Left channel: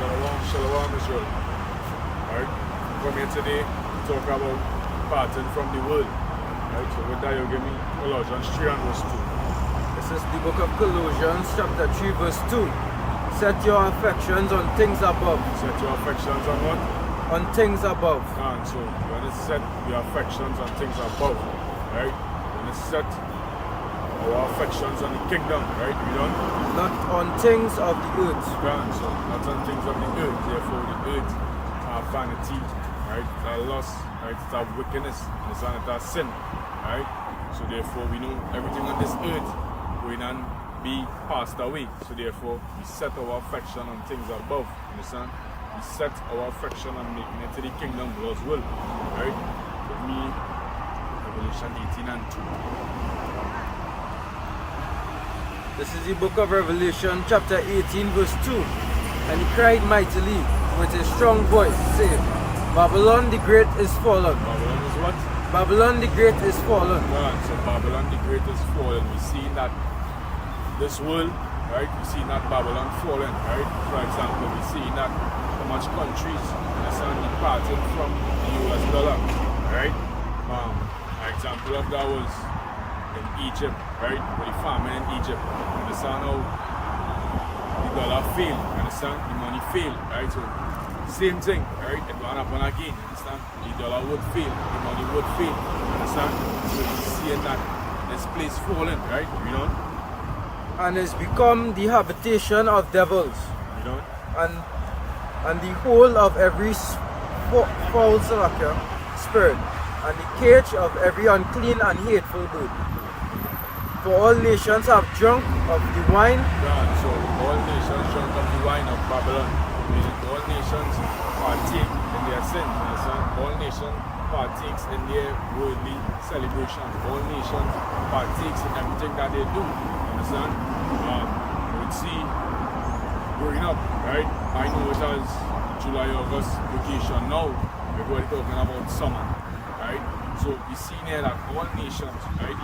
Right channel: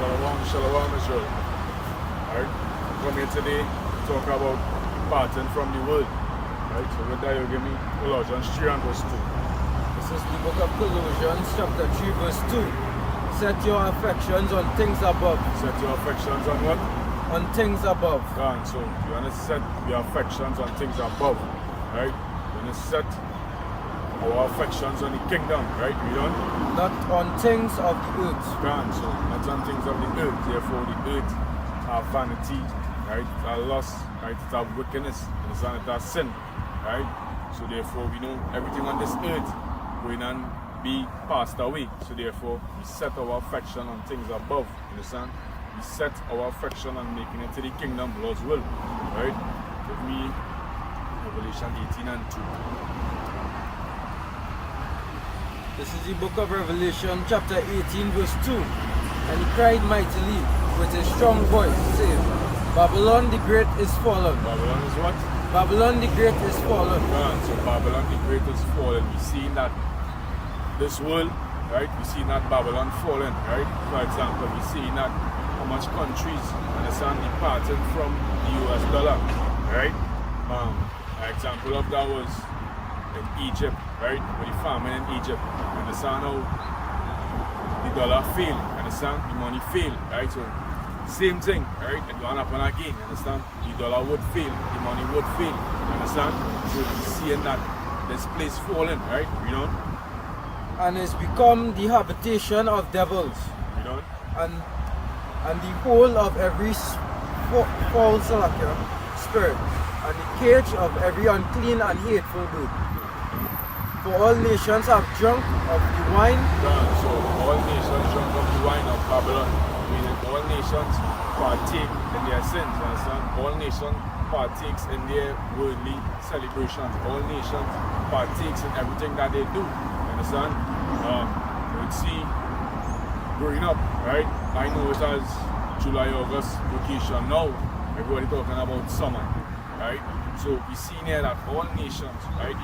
Shalom, shalom Israel. Alright, come here today to talk about parting from the world. Alright, so with that you give me Colossians 3 and verse 2. This is the book of Colossians chapter 3 verse 2. Set your affections on things above. Set your affections on what? On things above. God, so you want to set your affections on things above. Alright, you want to set our affections on the kingdom, right? We don't? Not on things of the earth. God, so not on things of the earth. Therefore the earth are vanity, right? It's our lust, right? It's our wickedness, and it's our sin, right? So therefore we know everything on this earth going and be passed away. So therefore we set our affection on things above. Understand? We set our affection on making it to the kingdom, Lord's will. Right? Give me Revelation 18 and 2. This is the book of Revelation chapter 18 verse 2. And he cried mightily with a strong voice, saying, Babylon the Great is fallen. Babylon is what? Babylon the Great is fallen. God, so Babylon the Great is fallen. We see that this world, right? We see that Babylon fallen, right? For example, we see that how much countries, understand, departing from the US dollar, right? An example of that was in Egypt, right? With the famine in Egypt. Understand how the dollar failed, understand? The money failed, right? So same thing, right? It won't happen again, you understand? The dollar would fail, the money would fail, you understand? So we seeing that this place falling, right? You know? And is become the habitation of devils. You know? And the whole of every foul spirit, and the cage of every unclean and hateful bird. For all nations have drunk of the wine. God, so all nations drunk of the wine of Babylon, meaning all nations partake in their sins, you understand? All nations partakes in their worldly celebrations. All nations partakes in everything that they do, you understand? You would see growing up, right? I know it as July, August vacation now. Everybody talking about summer, right? So we see here that all nations, right?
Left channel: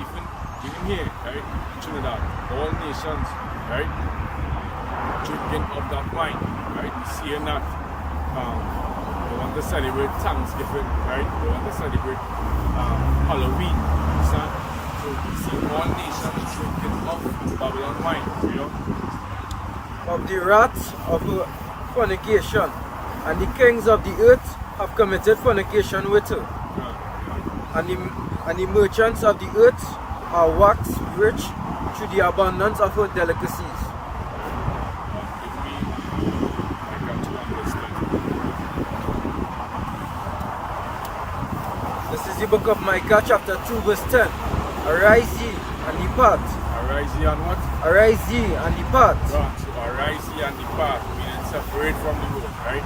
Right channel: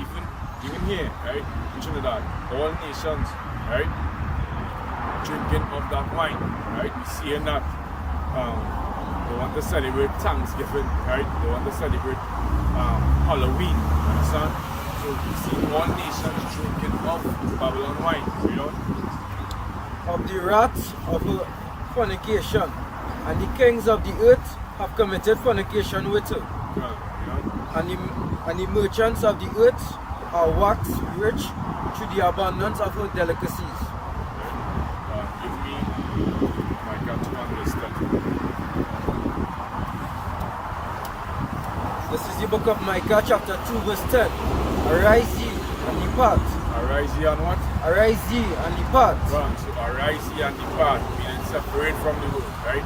Even here, right? In Trinidad, all nations, right? Drinking of that wine, right? We see in that they want to celebrate Thanksgiving, right? They want to celebrate Halloween, understand? So we see all nations drinking of Babylon wine, you know? Of the wrath of fornication, and the kings of the earth have committed fornication with her. Good, you know? And the merchants of the earth are waxed rich through the abundance of her delicacies. Right. Give me Micah 2 and verse 10. This is the book of Micah chapter 2 verse 10. Arise ye and depart. Arise ye and what? Arise ye and depart. Right. So arise ye and depart, meaning separate from the world, right?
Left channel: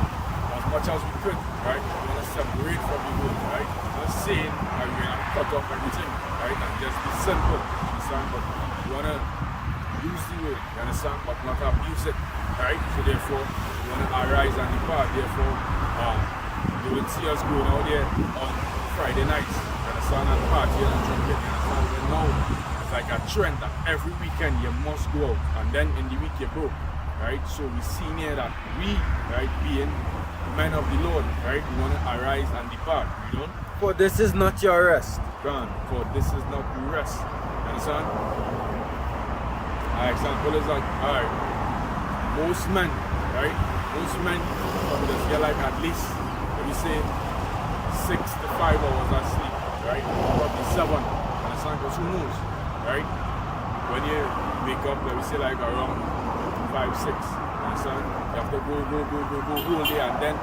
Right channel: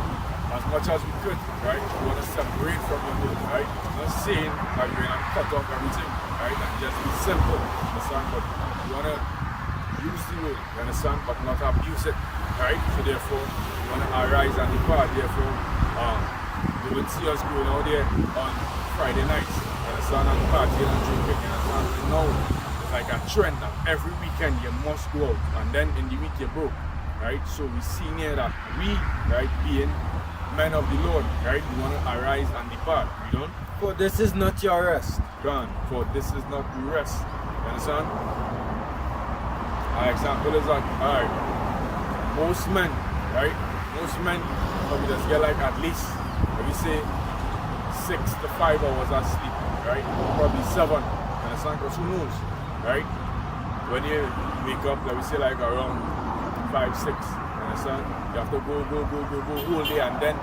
As much as we could, right? We want to separate from the world, right? Not saying that we're going to cut off everything, right? And just be simple, understand? But we want to use the word, you understand? But not abuse it, right? So therefore, we want to arise and depart. Therefore, you would see us going out there on Friday nights, you understand? And partying and drinking, you understand? Well, now, it's like a trend that every weekend you must go out. And then in the week you're broke, right? So we see here that we, right, being men of the Lord, right? We want to arise and depart, you know? For this is not your rest. Gone. For this is not the rest. You understand? An example is like, alright, most men, right? Most men probably just get like at least, let me say, 6 to 5 hours of sleep, right? Probably 7. You understand? Because who knows, right? When you wake up, let me say like around 5, 6. You understand? You have to go whole day and then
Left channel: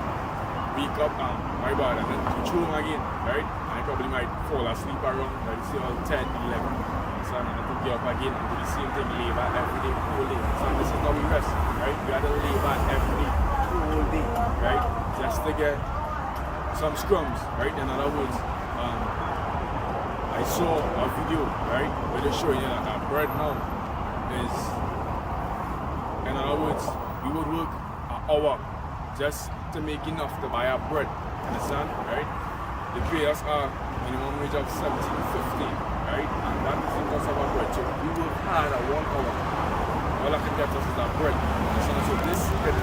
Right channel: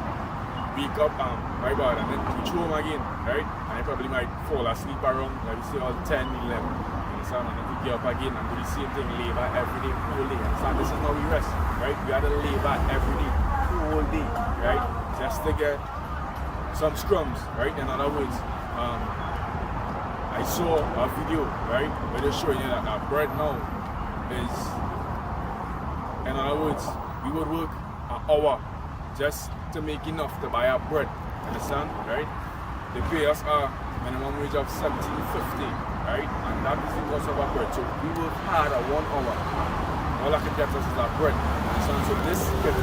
wake up, my bad, and then reach home again, right? And you probably might fall asleep around, let me say, all 10, 11, understand? And then to get up again and do the same thing, labor every day, whole day, understand? This is not we rest, right? We have to labor every day, whole day, right? Just to get some scrums, right? In other words, I saw a video, right, where they're showing you that our bread now is, in other words, we would work an hour just to make enough to buy our bread, understand, right? They pay us a minimum wage of $17.50, right? And that is the cost of our bread. So we work hard at 1 hour, all that can get us is our bread. Understand? So this could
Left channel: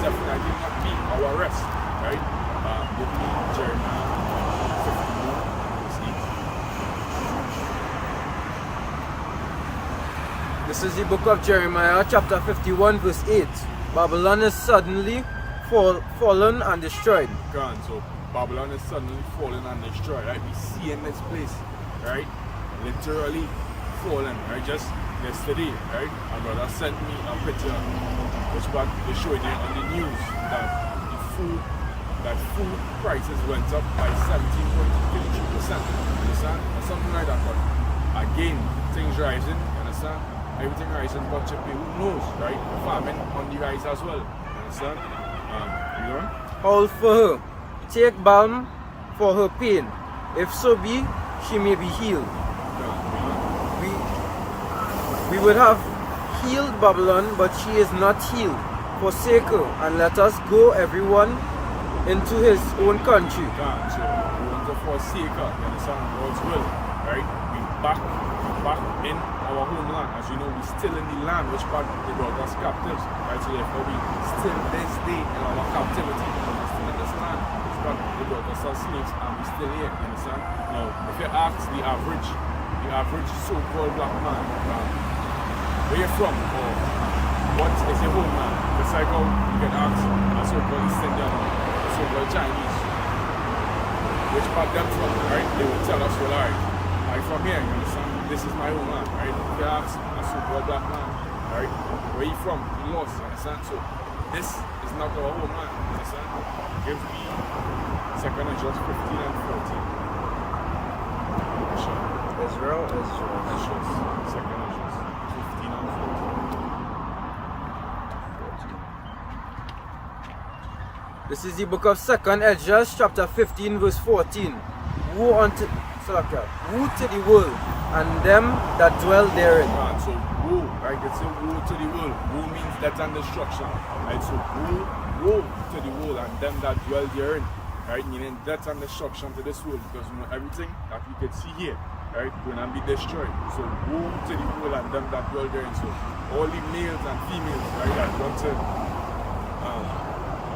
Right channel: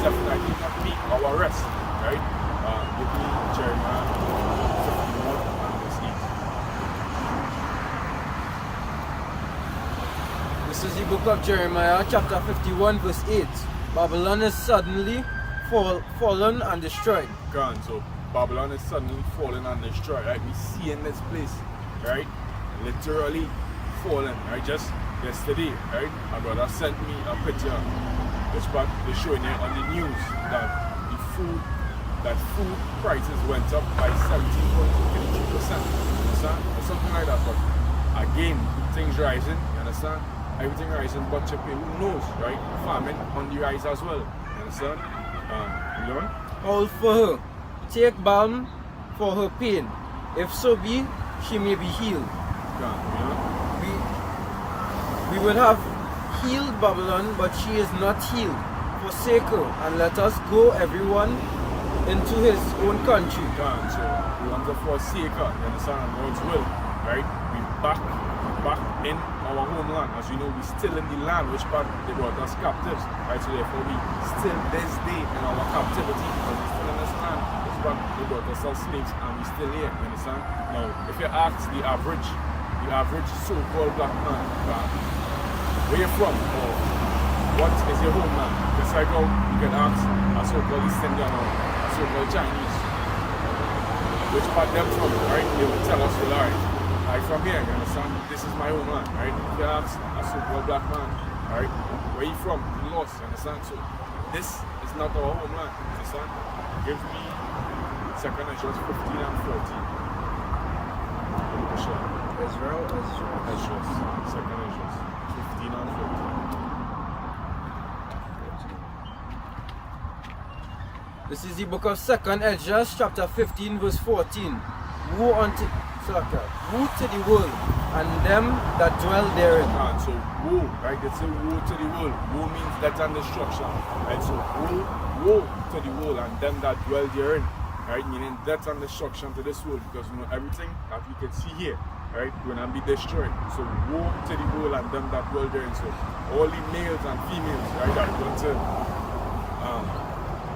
definitely not be our rest, right? Give me Jeremiah 51 and verse 8. This is the book of Jeremiah, chapter 51, verse 8. Babylon is suddenly fallen and destroyed. Gone. So Babylon is suddenly fallen and destroyed, right? We see in this place, right? Literally fallen, right? Just yesterday, right? My brother sent me a picture which part they're showing it on the news that food prices went up by 17.33%, you understand? Or something like that. But again, things rising, you understand? Everything rising, but who knows, right? Famine on the rise as well, you understand? You know? All for her, take balm for her pain. If so be, she may be healed. Gone, you know? We would have healed Babylon, but she is not healed. Forsake her, and let us go everyone into his own country. Gone. So we want to forsake her, you understand? Lord's will, right? We back in our homeland. As we know, we still in the land which part they brought us captives, right? So therefore we still this day in our captivity because we're still in this land which part they brought us as slaves and we still here, you understand? Now if you ask the average so-called black man, where you from or what is your homeland? Just like how you get asked a so-called East Indian or a so-called Chinese, which part them from, right? They will tell us, well, alright, I'm from here, you understand? This is my homeland, right? If you ask a so-called black man, right, where you from? You lost, you understand? So this is not our homeland, you understand? Give me 2nd Ezra 15 and 14. Israel. Ezra, 2nd Ezra 15 and 14. This is the book of 2nd Ezra, chapter 15, verse 14. Woe to the world and them that dwell therein. So woe, right? They say woe to the world. Woe means death and destruction, right? So woe to the world and them that dwell therein, right? Meaning death and destruction to this world, because you know everything that we can see here, right, will not be destroyed. So woe to the world and them that dwell therein. So all the males and females, right, that want to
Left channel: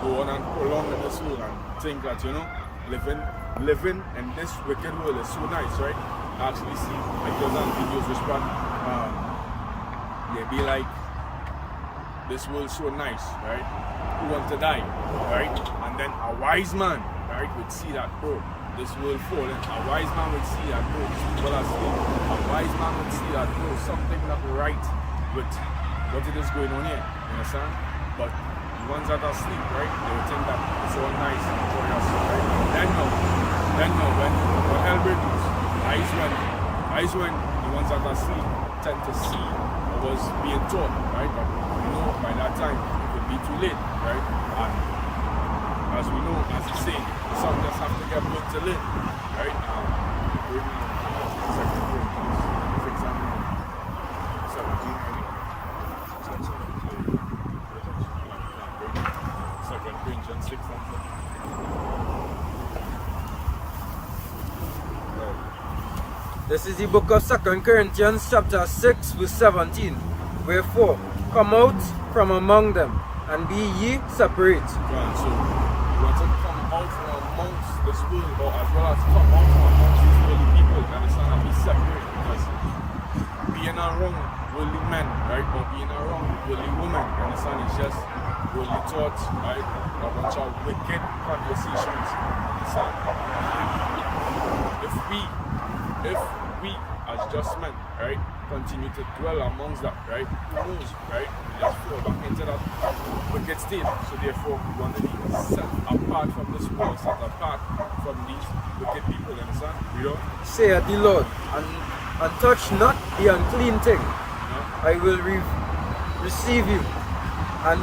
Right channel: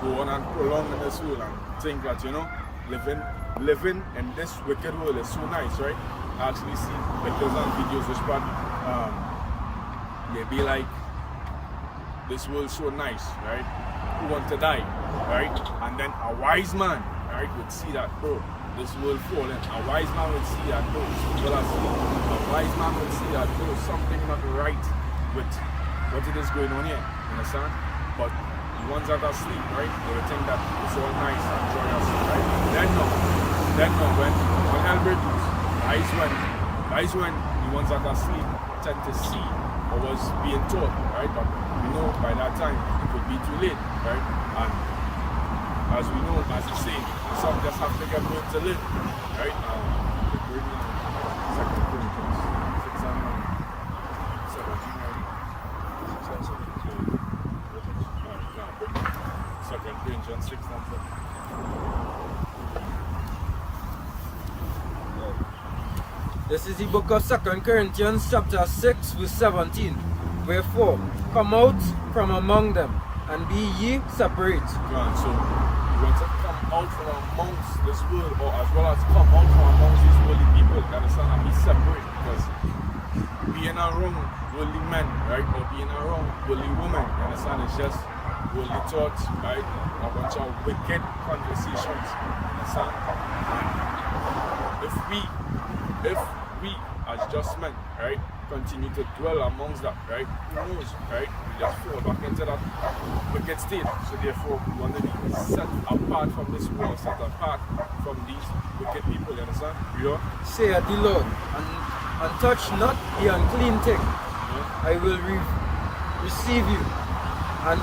go on and prolong in this world and think that, you know, living in this wicked world is so nice, right? I actually see pictures and videos which part they be like, this world's so nice, right? Who want to die, right? And then a wise man, right, would see that, bro, this world falling. A wise man would see that, bro, these people are asleep. A wise man would see that, bro, something not right with what it is going on here, you understand? But the ones that are asleep, right, they would think that it's all nice and joyous, right? And then now, when all hell breaks loose, that is when the ones that are asleep tend to see what was being taught, right? But we know by that time it would be too late, right? And as we know, as he's saying, some just have to get burnt to live, right? Bring 2 Corinthians 6 and 17 already. 6 and 17. 2 Corinthians 6 and 17. This is the book of 2 Corinthians, chapter 6, verse 17. Wherefore, come out from among them, and be ye separate. So, we want to come out from amongst this world, or as well as come out from amongst these worldly people, you understand, and be separate, because being around worldly men, right, or being around worldly women, you understand, it's just worldly thoughts, right, a bunch of wicked conversations, you understand, and if we as just men, right, continue to dwell amongst that, right, who knows, right, we just fall back into that wicked state. So therefore we want to be set apart from this world, set apart from these wicked people, you understand? You know? Saith the Lord, and touch not the unclean thing. You know? I will receive you, and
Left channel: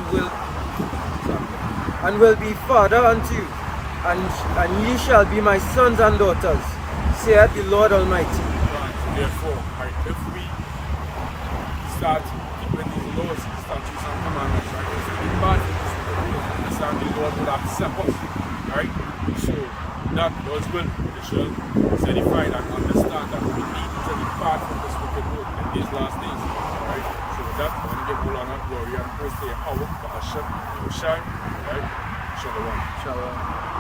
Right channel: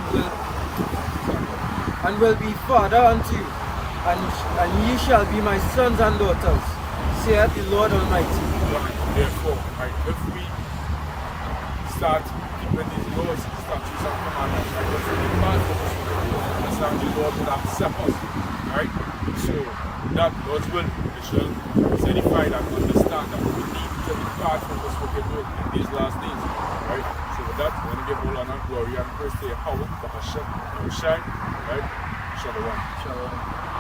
will be father unto you, and ye shall be my sons and daughters, saith the Lord Almighty. God, therefore, right, if we start keeping these laws, statutes, and commandments, right, if we depart from this wicked world, you understand, the Lord would accept us, right? So, with that, Lord's will, Israel is edified and understand that we need to depart from this wicked world in these last days, right? So So with that, I want to give all honor, glory, and praise to Yahweh, Bahashem, Yahushai, right? Shalom. Shalom.